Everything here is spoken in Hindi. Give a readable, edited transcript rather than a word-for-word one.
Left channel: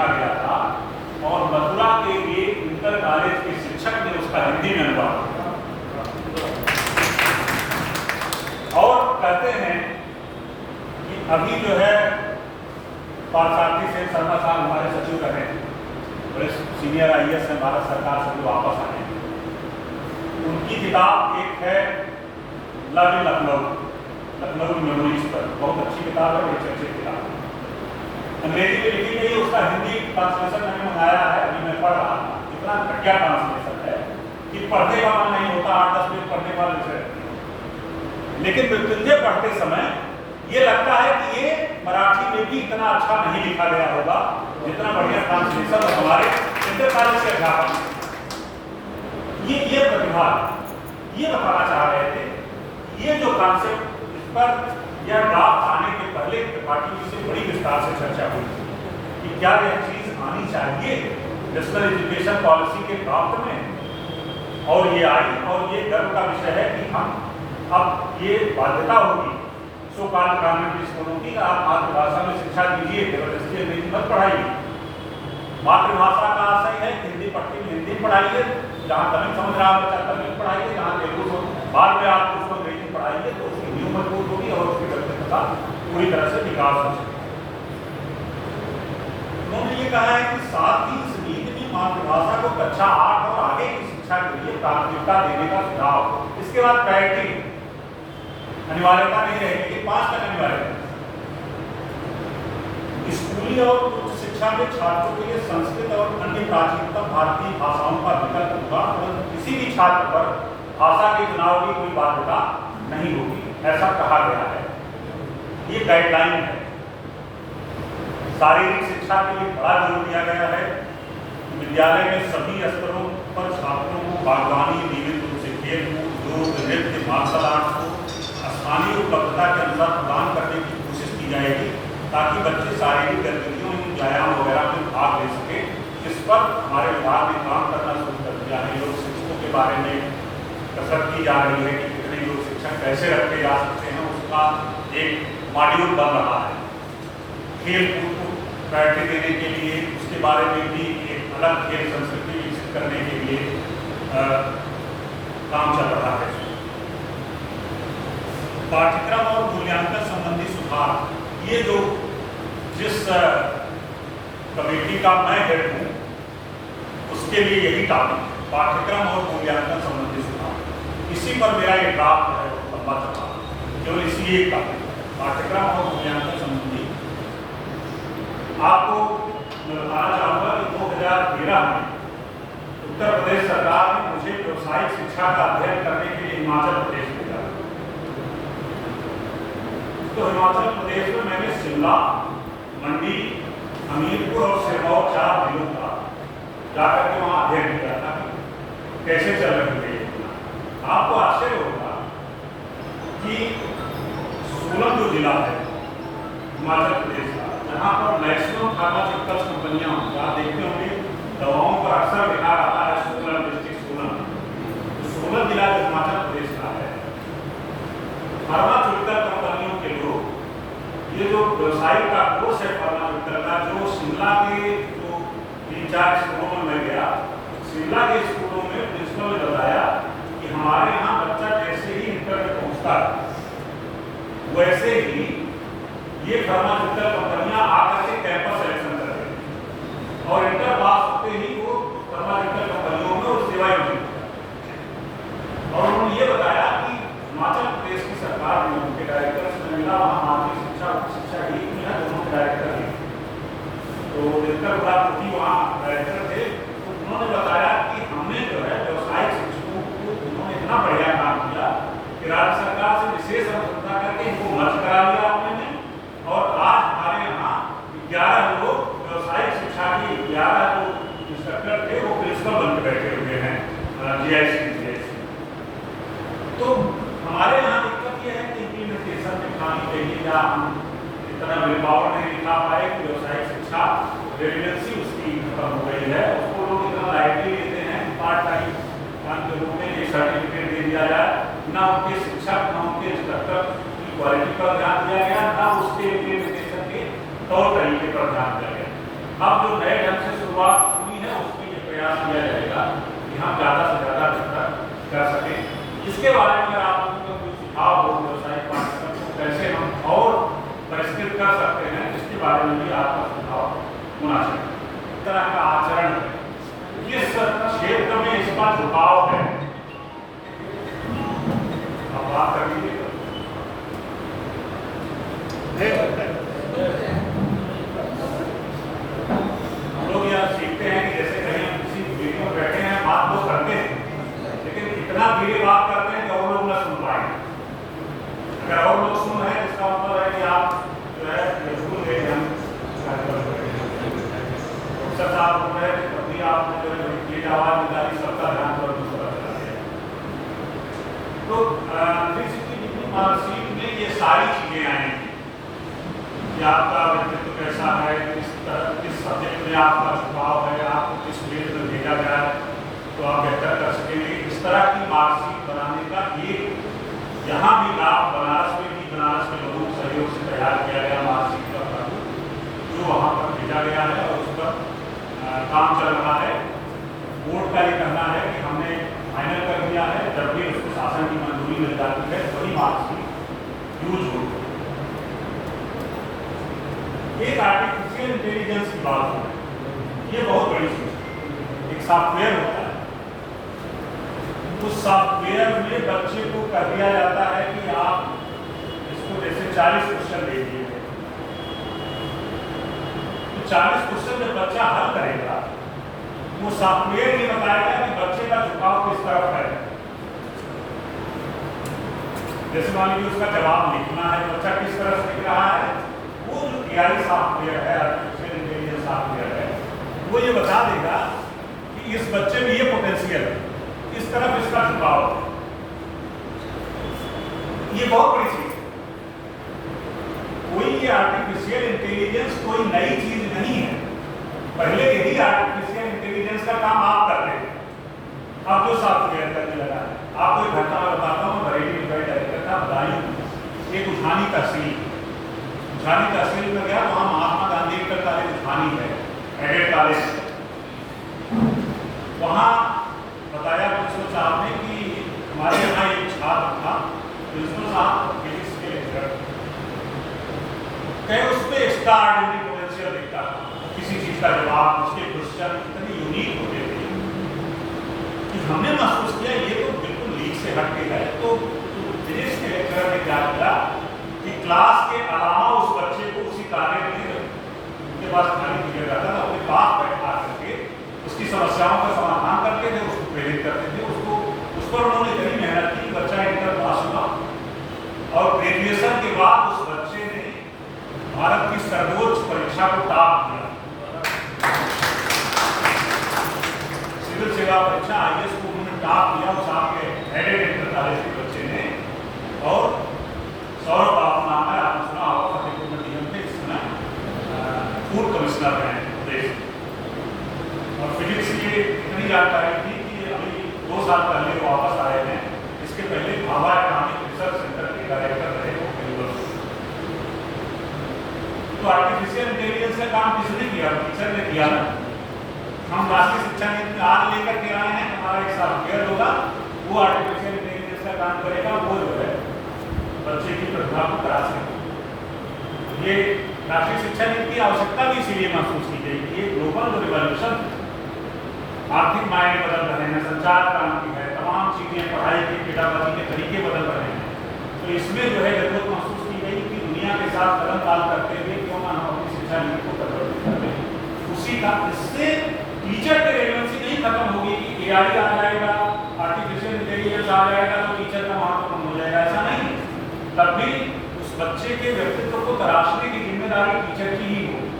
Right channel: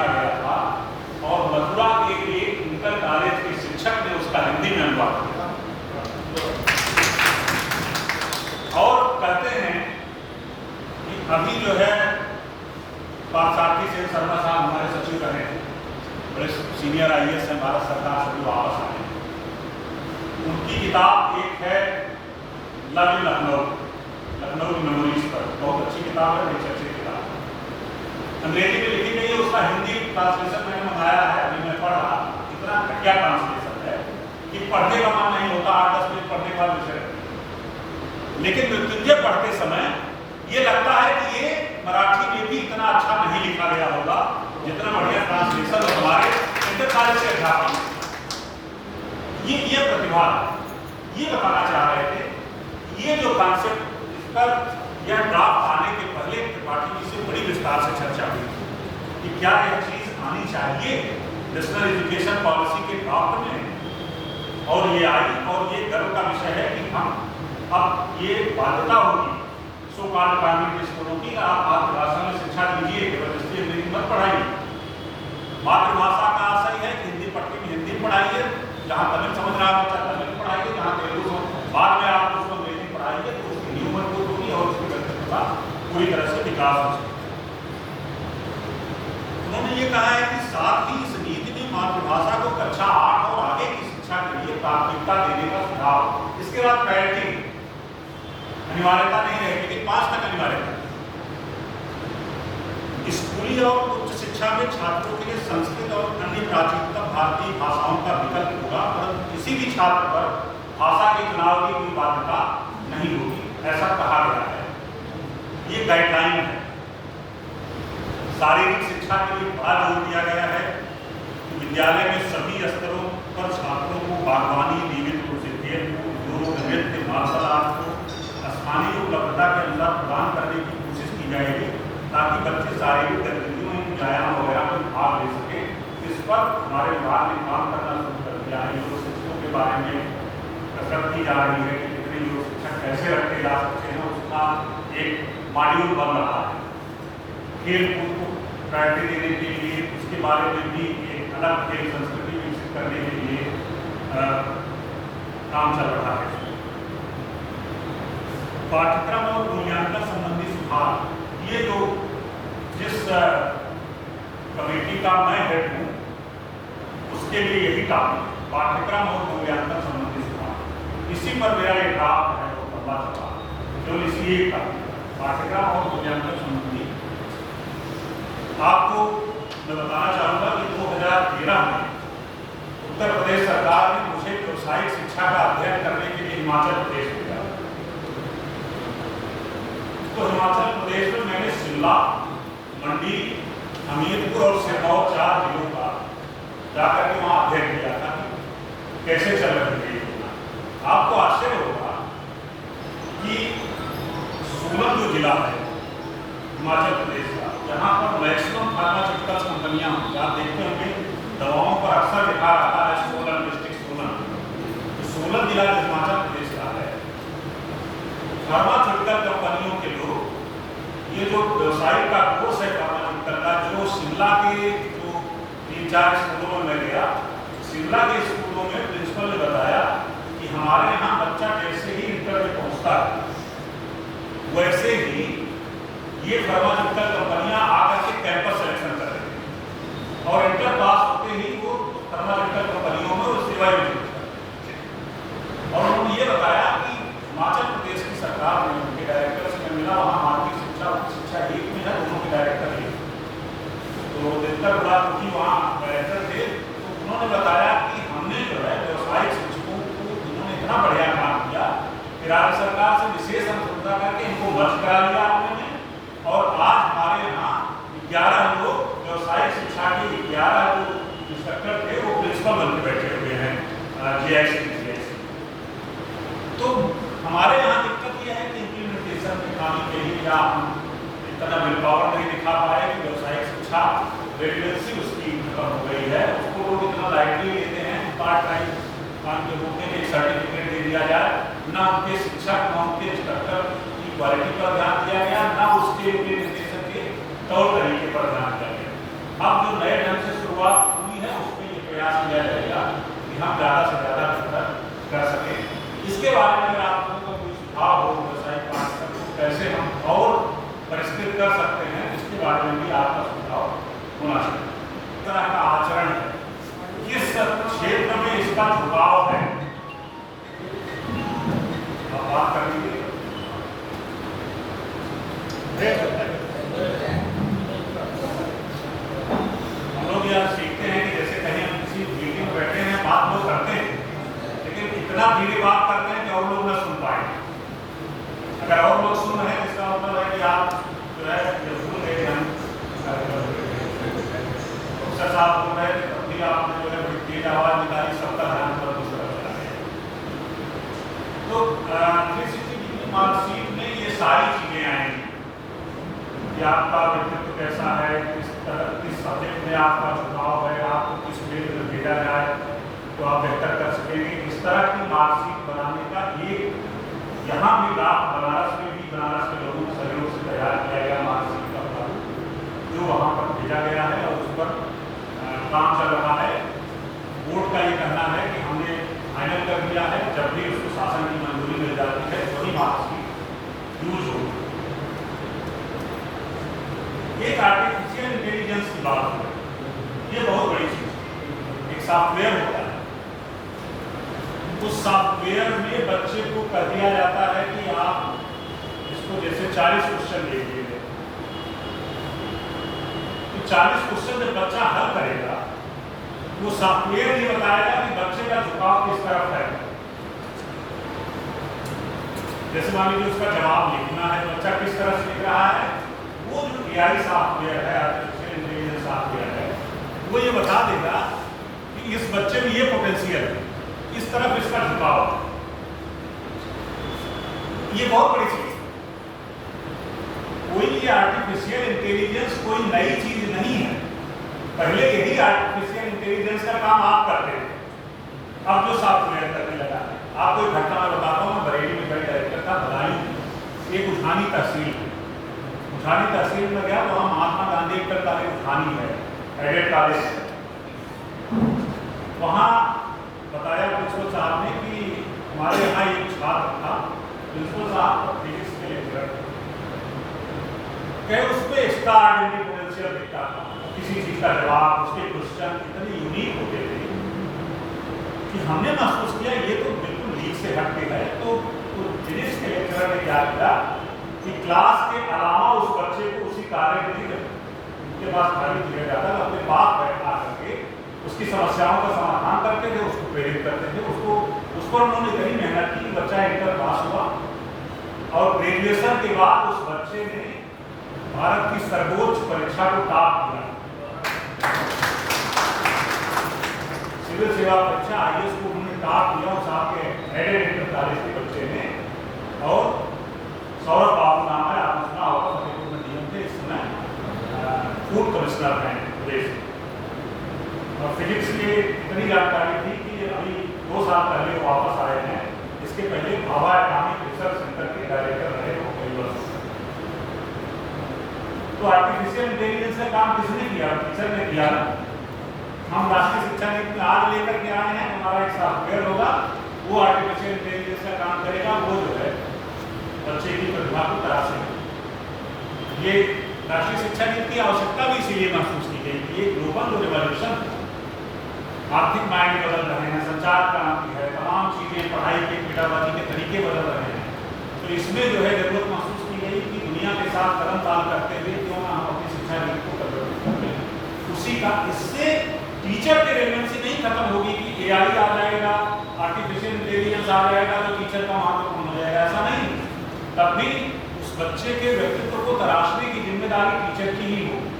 लिखा गया था और मथुरा के एक इंटर कॉलेज के शिक्षक ने उसका हिंदी में अनुवाद किया और कहते हैं कि अभी जो है पार्थसारथी सिंह शर्मा साहब हमारे सचिव रहे हैं, बड़े सीनियर IAS हैं भारत सरकार से, जो वापस आए हैं। उनकी किताब एक है लव इन लखनऊ मेमोरीज पर, बहुत अच्छी किताब है, बड़ी चर्चित किताब है, अंग्रेजी में लिखी गई है। उसका हिंदी ट्रांसलेशन मैंने मंगाया है, अभी मैं पढ़ रहा हूँ। इतना घटिया ट्रांसलेशन है कि पढ़ने का मन नहीं होता, 8-10 मिनट पढ़ने वाले विषय। लेकिन मृत्युंजय पढ़ते समय ये लगता है कि ये मराठी में भी इतना अच्छा नहीं लिखा गया होगा जितना बढ़िया ट्रांसलेशन हमारे इंटर कॉलेज के अध्यापक। ये प्रतिभा, ये बताना चाह रहे थे। ये जो कॉन्सेप्ट, इस पर यह ड्राफ्ट आने के पहले त्रिपाठी जी से बड़ी विस्तार से चर्चा हुई कि क्या यह चीज आनी चाहिए नेशनल एजुकेशन पॉलिसी के ड्राफ्ट में, और ये आई। और ये गर्व का विषय है कि हम अब ये बाध्यता होगी सो काल गवर्नमेंट स्कूलों की, आप मातृभाषा में शिक्षा दीजिए, जबरदस्ती अंग्रेजी मत पढ़ाइए। मातृभाषा का आशय है हिंदी पढ़ती हिंदी पढ़ाइए, जहाँ तमिल समझ रहा बच्चा तमिल पढ़ाइए, जहाँ तेलुगु बाद में आप उसको अंग्रेजी पढ़ाइए, तो उसकी नींव मजबूत होगी और उसकी व्यक्तित्व पूरी तरह से विकास हो सके। उन्होंने ये कहा है कि साथ ही इस नीति में मातृभाषा को कक्षा 8 और आगे की शिक्षा के लिए प्राथमिकता देने का सुझाव। इसके बाद पैरेंटिंग अनिवार्यता नहीं रहेगी, लेकिन 5 तक अनिवार्यता। स्कूली और उच्च शिक्षा में छात्रों के लिए संस्कृत और अन्य प्राचीनतम भारतीय भाषाओं का विकल्प होगा, परंतु किसी भी छात्र पर भाषा के चुनाव की कोई बाध्यता नहीं होगी, ऐसा कहा गया है। ये गाइडलाइन है। शारीरिक शिक्षा के लिए बड़ा जोर दिया गया है। विद्यालय में सभी स्तरों पर छात्रों को बागवानी, नियमित रूप से खेल, योग, नृत्य, मार्शल आर्ट को स्थानीय उपलब्धता के अनुसार प्रदान करने की कोशिश की जाएगी, ताकि बच्चे शारीरिक गतिविधियों, व्यायाम वगैरह में भाग ले सके। इस पर हमारे विभाग ने काम करना शुरू कर दिया है। योग शिक्षकों के बारे में कसरत की जा रही है कि कितने योग शिक्षक कैसे रखे जा सकते हैं, उसका एक मॉड्यूल बन रहा है। खेल कूद को प्रायोरिटी देने के लिए उसके बारे में भी एक अलग खेल संस्कृति विकसित करने के लिए काम चल रहा है। पाठ्यक्रम और मूल्यांकन संबंधी सुधार, ये जो जिस कमेटी का मैं हेड हूँ उसके लिए यही काम है, पाठ्यक्रम और मूल्यांकन संबंधी सुधार। इसी पर मेरा ये ड्राफ्ट है, वो लंबा चला, केवल इसी एक काम है, पाठ्यक्रम और मूल्यांकन संबंधी। आपको मैं बताना चाहूँगा कि 2013 में उत्तर प्रदेश सरकार ने मुझे व्यावसायिक शिक्षा का अध्ययन करने के लिए हिमाचल प्रदेश भेजा। तो हिमाचल प्रदेश में मैंने शिमला, मंडी, हमीरपुर और सिरमौर 4 जिलों का जाकर के वहाँ अध्ययन किया था कैसे चल रही है। आपको आश्चर्य होगा कि सोलन जो जिला है हिमाचल प्रदेश का, जहाँ पर मैक्सिमम फार्मास्यूटिकल्स कंपनियाँ होंगी, आप देखते होंगे दवाओं पर अक्सर लिखा रहता है सोलन डिस्ट्रिक्ट सोलन। तो सोलन जिला हिमाचल प्रदेश का है। फार्मास्यूटिकल कंपनियों के लोग, ये जो व्यवसायिक का कोर्स है फार्मास्यूटिकल का, जो शिमला के जो 3-4 स्कूलों में मैं गया, शिमला के स्कूलों में प्रिंसिपल ने बताया कि हमारे यहाँ बच्चा जैसे ही इंटर में पहुँचता है वैसे ही ये फार्मास्यूटिकल कंपनियां आकर के कैंपस सिलेक्शन कर रही हैं और इंटर पास होते ही वो फार्मास्यूटिकल कंपनियों में सेवाएं मिलती हैं। और उन्होंने ये बताया कि हिमाचल प्रदेश की सरकार ने उनके डायरेक्टर से मिला, वहाँ माध्यमिक शिक्षा एक में है, दोनों के डायरेक्टर हैं, तो दिनकर बाबू वहाँ डायरेक्टर थे। तो उन्होंने बताया कि हमने जो है व्यवसायिक शिक्षकों को उन्होंने इतना बढ़िया काम किया कि राज्य सरकार से विशेष अनुसंधान करके इनको मर्ज करा दिया उन्होंने, और आज हमारे यहाँ 11 लोग व्यवसायिक शिक्षा की 11 जो इंस्ट्रक्टर थे वो प्रिंसिपल बन के बैठे हुए हैं GIC। तो हमारे यहाँ दिक्कत यह है कि इम्प्लीमेंटेशन में खानी चाहिए, या हम इतना विल पावर नहीं दिखा पाए कि व्यवसायिक शिक्षा रेलिवेंसी उसकी खत्म हो गई है। उसको लोग इतना लाइटली लेते हैं, पार्ट टाइम काम के रूप में एक सर्टिफिकेट दे दिया जाए, ना उनके शिक्षक ना उनके इंस्ट्रक्टर की क्वालिटी पर ध्यान दिया गया, ना उसके इम्प्लीमेंटेशन के तौर तरीके पर ध्यान दिया गया। अब जो नए ढंग से शुरुआत हुई है उसमें ये प्रयास किया जाएगा कि हम ज़्यादा से ज़्यादा बेहतर कर सकें। इसके बारे में अगर आप लोगों को कोई सुझाव हो व्यवसायिक पाठ्यक्रम को कैसे हम और परिष्कृत कर सकते हैं, इसके बारे में भी आपका सुझाव होना चाहिए। इस तरह का आचरण है, किस क्षेत्र में इसका झुकाव है, अब बात कर लीजिए। हम लोग यह सीखते हैं कि जैसे कहीं किसी मीटिंग में बैठे हैं, बात वो करते हैं, लेकिन इतना धीरे बात करते हैं कि और लोग न सुन पाए। अगर और लोग सुन रहे हैं इसका मतलब है कि आप जो है भूल गए हम प्रोफेसर साहब बोल रहे हैं, तभी आपने जो है तेज आवाज निकाली, सबका ध्यान पर दूसरा चला गया। तो 360 मार्कशीट में ये सारी चीजें आएंगी कि आपका व्यक्तित्व कैसा है, किस सब्जेक्ट में आपका झुकाव है, आपको किस फील्ड में भेजा जाए तो आप बेहतर कर सकेंगे। इस तरह की मार्कशीट बनाने का ये यहाँ भी लाभ बनारस में भी, बनारस के लोगों के सहयोग से तैयार किया गया मार्कशीट का प्रारूप जो वहाँ पर भेजा गया है और उस पर काम चल रहा है। बोर्ड का ये कहना है कि हमने फाइनल कर दिया है, जब भी उसको शासन की मंजूरी मिल जाती है वही मार्कशीट यूज होगी। एक आर्टिफिशियल इंटेलिजेंस की बात है, ये बहुत बड़ी चीज है। एक सॉफ्टवेयर होता है, उस सॉफ्टवेयर में बच्चे को कह दिया जाता है कि आप इसको जैसे 40 क्वेश्चन दे दिए, तो 40 क्वेश्चन जब बच्चा हल करेगा, वो सॉफ्टवेयर ये बताएगा कि बच्चे का झुकाव किस तरफ है। जैसे मान लीजिए उसका जवाब लिखना है, बच्चा किस तरह से लिख रहा है, वो जो AI सॉफ्टवेयर है, आर्टिफिशियल इंटेलिजेंस सॉफ्टवेयर है, वो ये बता देगा कि इस बच्चे में ये पोटेंशियल है, इस तरफ इसका झुकाव है। ये बहुत बड़ी चीज है। कोई ये आर्टिफिशियल इंटेलिजेंस कोई नई चीज नहीं है, पहले यही आर्टिफिशियल इंटेलिजेंस का काम आप करते थे, अब जो सॉफ्टवेयर करने लगा है। आपको एक घटना मैं बताता हूँ, बरेली में मैं डायरेक्टर था, बदायूं एक उठानी तहसील में गया, तो वहाँ महात्मा गांधी इंटर कॉलेज उठानी है, एडेड कॉलेज। वहाँ बताया प्रिंसिपल साहब ने कि हमारे यहाँ एक छात्र था, प्रिंसिपल साहब फिजिक्स के लेक्चरर, कहे उसमें एक्स्ट्राऑर्डिनरी पोटेंशियल दिखता था। किसी चीज का जवाब, उसके क्वेश्चन इतने यूनिक होते थे कि हमने महसूस किया ये तो बिल्कुल लीक से हटके है। तो फिजिक्स के लेक्चरर ने क्या किया कि क्लास के अलावा उस बच्चे को उसी कार्य में उनके पास खाली किया जाता था, अपने पास बैठा करके उसकी समस्याओं का समाधान करके जो उसको प्रेरित करते थे, उस पर उन्होंने इतनी मेहनत की, बच्चा इंटर पास हुआ और ग्रेजुएशन के बाद उस बच्चे ने भारत की सर्वोच्च परीक्षा को टॉप किया। सिविल सेवा परीक्षा IAS को उन्होंने टॉप किया, उस आपके एडेड इंटर कॉलेज के बच्चे ने। और सौरभ बाबू नाम है, आपने सुना होगा, फतेहपुर में नियम थे, इस समय फूड कमिश्नर हैं प्रदेश। और फिजिक्स की इतनी जानकारी थी कि अभी 2 साल पहले वापस आए हैं। इसके पहले भाभा एटॉमिक रिसर्च सेंटर के डायरेक्टर रहे वो कई वर्ष। तो आर्टिफिशियल इंटेलिजेंस का काम किसने किया? टीचर ने किया ना। हम राष्ट्रीय शिक्षा नीति में आज लेकर के आए हैं, हमारा एक सॉफ्टवेयर होगा, वो आर्टिफिशियल इंटेलिजेंस का काम करेगा, वो जो है बच्चे की प्रतिभा को तराशेगा। ये राष्ट्रीय शिक्षा नीति की आवश्यकता भी इसीलिए महसूस की गई कि ये ग्लोबल रिवॉल्यूशन, आर्थिक मायने बदल रहे हैं, संचार क्रांति है, तमाम चीजें, पढ़ाई के पेडागॉजी के तरीके बदल रहे हैं। तो इसमें जो है जरूरत महसूस की गई कि दुनिया के साथ कदम ताल करते हुए क्यों ना हम अपनी शिक्षा नीति को परिवर्तित कर लें। उसी का, इससे टीचर की रेलेवेंसी नहीं खत्म होगी कि AI आ जाएगा, आर्टिफिशियल इंटेलिजेंस आ जाएगा तो टीचर का महत्व कम हो जाएगा, ऐसा नहीं। तब भी उस बच्चे के व्यक्तित्व को तराशने की जिम्मेदारी टीचर की ही हो।